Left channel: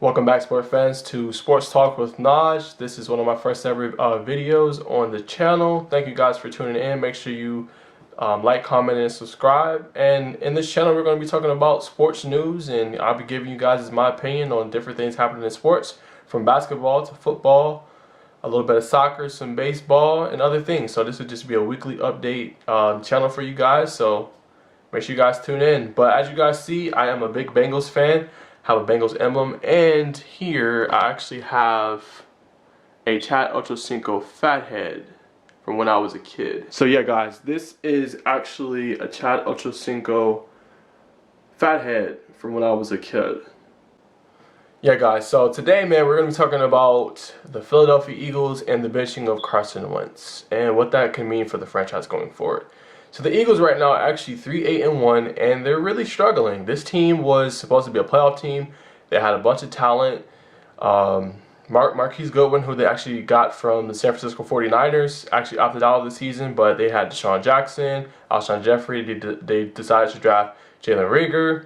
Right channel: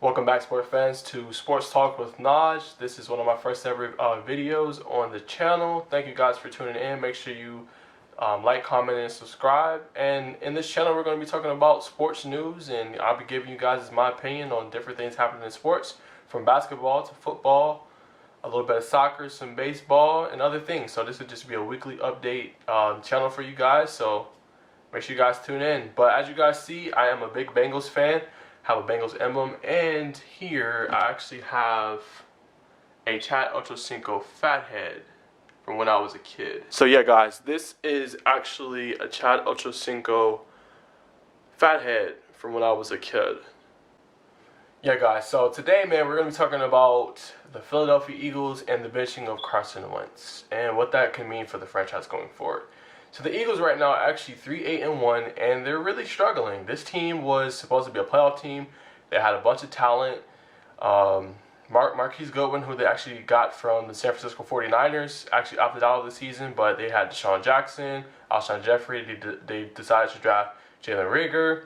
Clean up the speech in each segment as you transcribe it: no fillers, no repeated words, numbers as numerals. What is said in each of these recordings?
Welcome back, sports fans, to Sports Talk with Naj. This is one of my first ever videos on the channel. Thank you guys for tuning in. Make sure you like, comment, and subscribe. And in this channel, we're going to be talking about sports news, and I'll be giving you guys my opinion on different things happening in sports, from basketball to football, a little bit of soccer, some baseball, and other things. So this would just be a weekly update channel for you guys. So make sure you guys tune in. But as you guys see, I am a big Bengals fan. Have a Bengals emblem, and here I actually have a Chad Ochocinco fathead from when I was a kid. So yeah, guys, this is actually a Chad Ochocinco fathead from when I was a kid. Yeah, guys, so today, man, we're going to be talking about the Philadelphia Eagles and the benching of Carson Wentz and what that can mean for the franchise going forward. So the Eagles right now are actually 3-8-1, and they're really struggling. This team was supposed to be a playoff team. They had a bunch of talent. Marquise Goodwin, who they actually got from the San Francisco 49ers, actually opted out of the season, but they had Deshaun Jackson, Alshon Jeffrey. They decided to draft Jalen Hurts.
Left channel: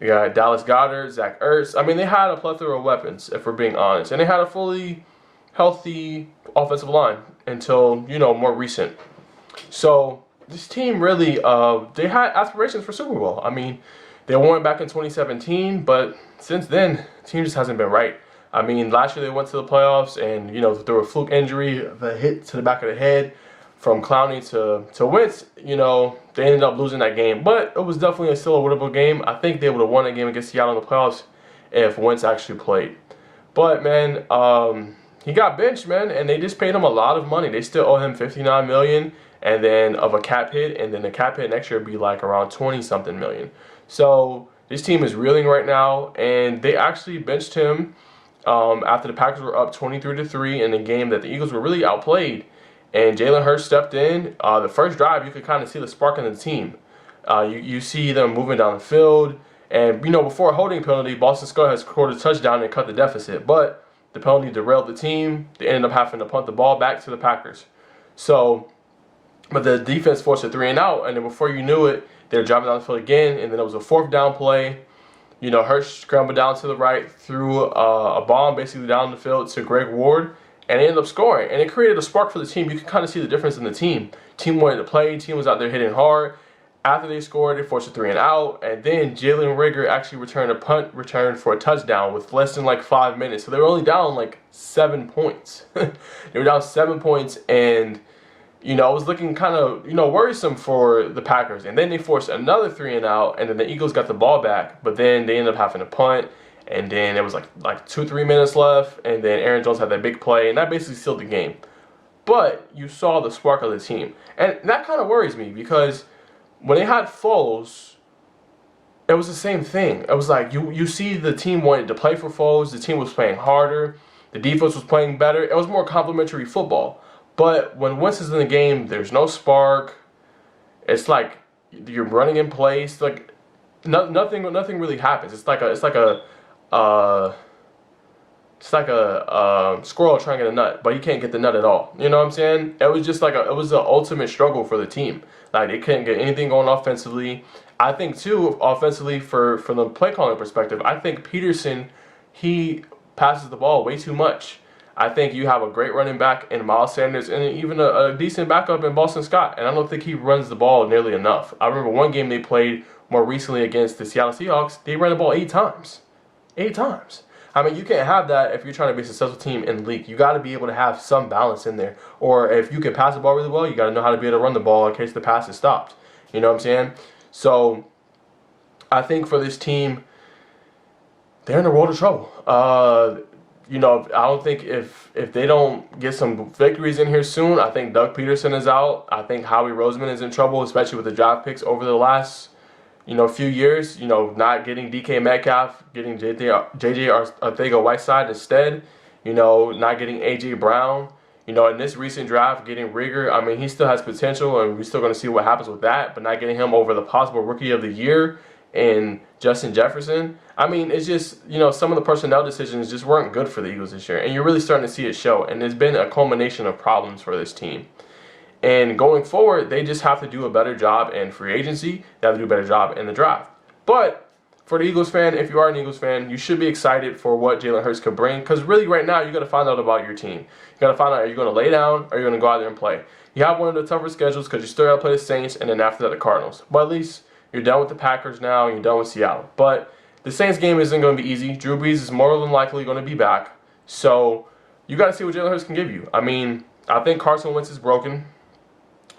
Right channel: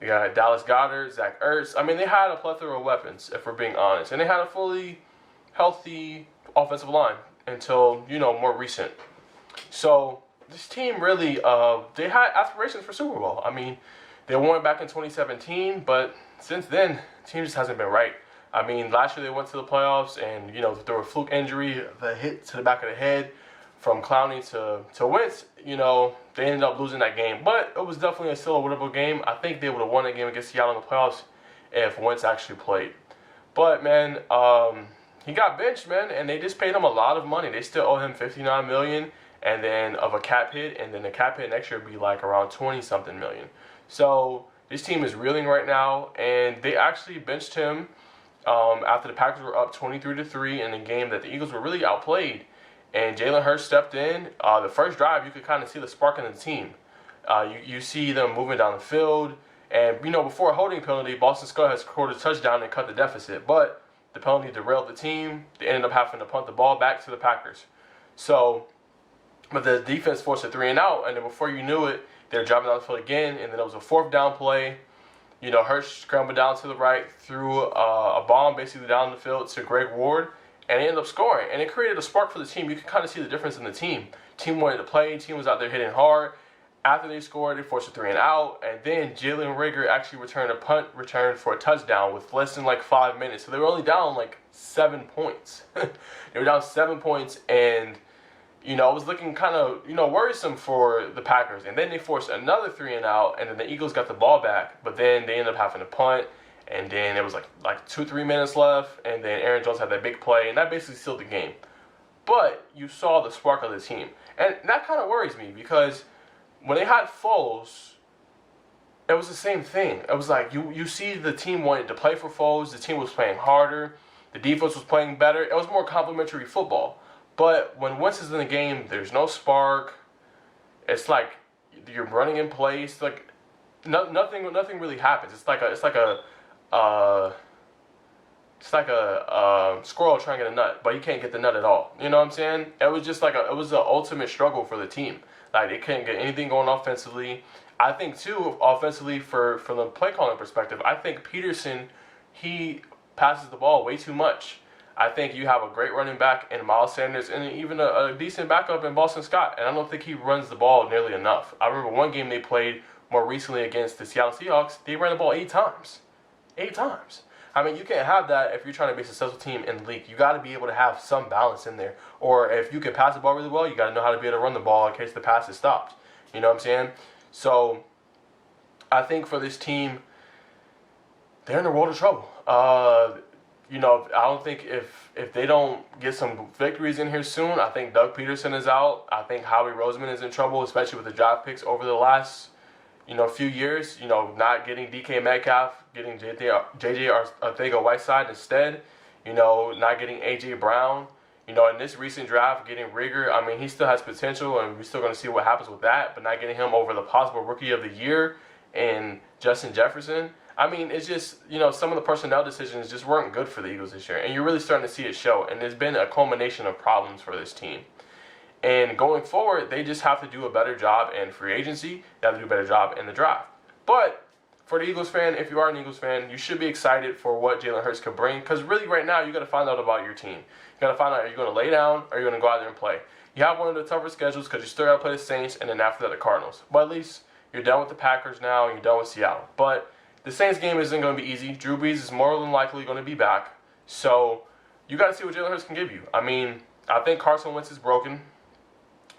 They got Dallas Goedert, Zach Ertz. I mean, they had a plethora of weapons, if we're being honest. And they had a fully healthy offensive line until, more recent. So this team really, they had aspirations for Super Bowl. I mean, they won it back in 2017, but since then, the team just hasn't been right. I mean, last year they went to the playoffs, and, through a fluke injury, the hit to the back of the head from Clowney to Wentz, they ended up losing that game. But it was definitely still a winnable game. I think they would have won that game against Seattle in the playoffs if Wentz actually played. But, man, he got benched, man, and they just paid him a lot of money. They still owe him $59 million. And then of a cap hit, and then the cap hit next year would be like around 20-something million. So this team is reeling right now, and they actually benched him after the Packers were up 23-3 in a game that the Eagles were really outplayed. And Jalen Hurts stepped in. The first drive, you could kind of see the spark in the team. You see them moving down the field, and before a holding penalty, Boston Scott has scored a touchdown and cut the deficit. But the penalty derailed the team. They ended up having to punt the ball back to the Packers. But the defense forced a 3-and-out, and then before you knew it, they were driving down the field again, and then it was a fourth down play. Hurts scrambled down to the right, threw a bomb basically down the field to Greg Ward, and they ended up scoring. And it created a spark for the team. You can kind of see the difference in the team. Team wanted to play. Team was out there hitting hard. After they scored, they forced a 3-and-out, and then Jalen Hurts actually returned a punt return for a touchdown with less than like 5 minutes. So they were only down like 7 points. They were down 7 points, and it was looking kind of, worrisome for the Packers. And then they forced another 3-and-out, and then the Eagles got the ball back. But then they ended up having to punt, and then it was like 2-3 minutes left, and then Aaron Jones had that big play, and that basically sealed the game. But you saw the spark of the team. And that kind of worries me, because when they had Foles, it was the same thing. It was like you see the team wanted to play for Foles. The team was playing harder. The defense was playing better. It was more complimentary football. But when Wentz is in the game, there's no spark. It's like you're running in place. Like nothing really happens. It's like a squirrel trying to get a nut, but you can't get the nut at all. You know what I'm saying? It was just like it was an ultimate struggle for the team. Like they couldn't get anything going offensively. I think too, offensively from the play calling perspective, I think Peterson, he passes the ball way too much. I think you have a great running back in Miles Sanders and even a decent backup in Boston Scott. And I don't think he runs the ball nearly enough. I remember one game they played more recently against the Seattle Seahawks. They ran the ball 8 times. 8 times. I mean, you can't have that if you're trying to be a successful team in the league. You got to be able to have some balance in there. Or if you can pass the ball really well, you got to know how to be able to run the ball in case the pass is stopped. You know what I'm saying? So I think for this team, they're in a world of trouble. I don't think if they don't get some victories in here soon, I think Doug Peterson is out. I think Howie Roseman is in trouble, especially with the draft picks over the last, few years. Not getting DK Metcalf, getting JJ Arcega-Whiteside instead. Not getting AJ Brown. In this recent draft, getting Rigger. I mean, he still has potential, and we're still going to see what happens with that. But not getting him over the possible Rookie of the Year and Justin Jefferson. I mean, it's just, some of the personnel decisions just weren't good for the Eagles this year. And you're really starting to see it show. And there's been a culmination of problems for this team. And going forward, they just have to do a better job in free agency. They have to do a better job in the draft. But for the Eagles fan, if you are an Eagles fan, you should be excited for what Jalen Hurts could bring. Because really, right now, you got to find out about your team. You got to find out, are you going to lay down or are you going to go out there and play? You have one of the tougher schedules because you still got to play the Saints and then after that the Cardinals. But at least you're done with the Packers now and you're done with Seattle. But the Saints game isn't going to be easy. Drew Brees is more than likely going to be back. So you got to see what Jalen Hurts can give you. I mean, I think Carson Wentz is broken.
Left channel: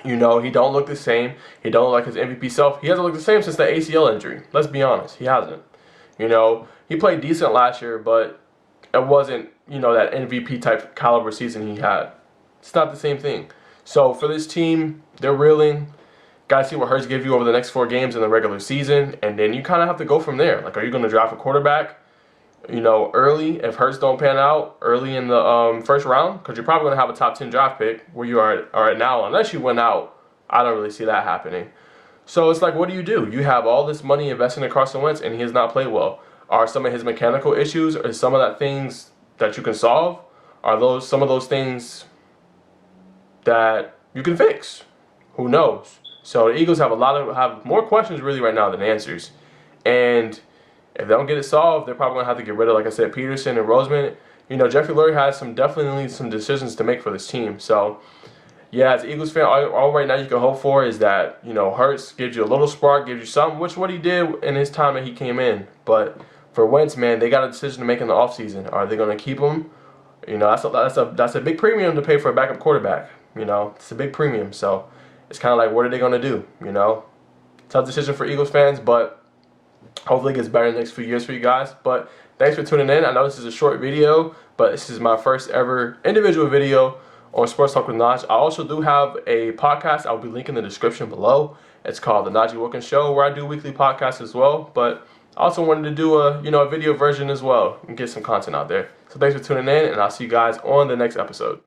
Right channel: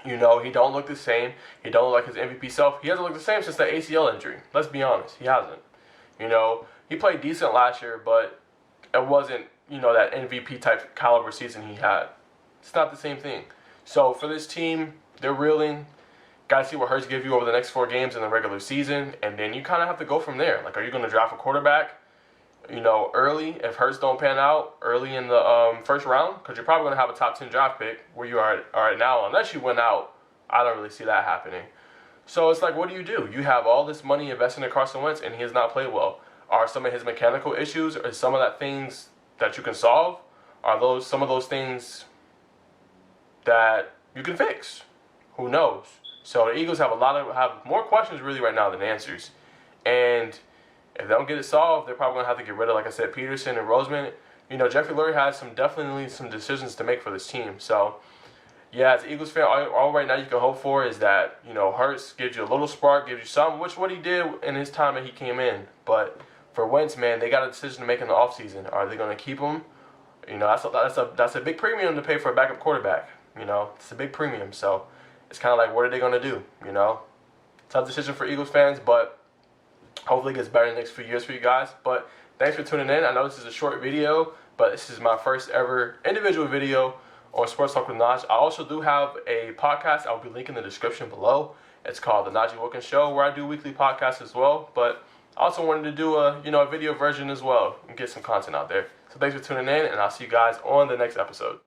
You know, he don't look the same. He don't look like his MVP self. He hasn't looked the same since the ACL injury. Let's be honest. He hasn't. You know, he played decent last year, but it wasn't, you know, that MVP type caliber season he had. It's not the same thing. So for this team, they're reeling. Got to see what Hurts gives you over the next 4 games in the regular season. And then you kind of have to go from there. Like, are you going to draft a quarterback, you know, early if Hurts don't pan out early in the first round? Because you're probably going to have a top 10 draft pick where you are at now. Unless you win out, I don't really see that happening. So it's like, what do? You have all this money invested in Carson Wentz, and he has not played well. Are some of his mechanical issues, or some of that things that you can solve? Are those some of those things that you can fix? Who knows? So the Eagles have more questions really right now than answers. And if they don't get it solved, they're probably gonna have to get rid of, like I said, Peterson and Roseman. You know, Jeffrey Lurie has definitely some decisions to make for this team. So yeah, as an Eagles fan, all right now you can hope for is that, you know, Hurts gives you a little spark, gives you something, which what he did in his time that he came in. But for Wentz, man, they got a decision to make in the offseason. Are they going to keep him? You know, that's a big premium to pay for a backup quarterback. You know, it's a big premium. So it's kind of like, what are they going to do? You know, tough decision for Eagles fans, but hopefully it gets better in the next few years for you guys. But thanks for tuning in. I know this is a short video, but this is my first ever individual video on Sports Talk with Naj. I also do have a podcast. I'll be linking in the description below. It's called The Najee Wilkins Show, where I do weekly podcasts as well. But I also wanted to do a video version as well and get some content out there. So thanks for tuning in, and I'll see you guys on the next episode.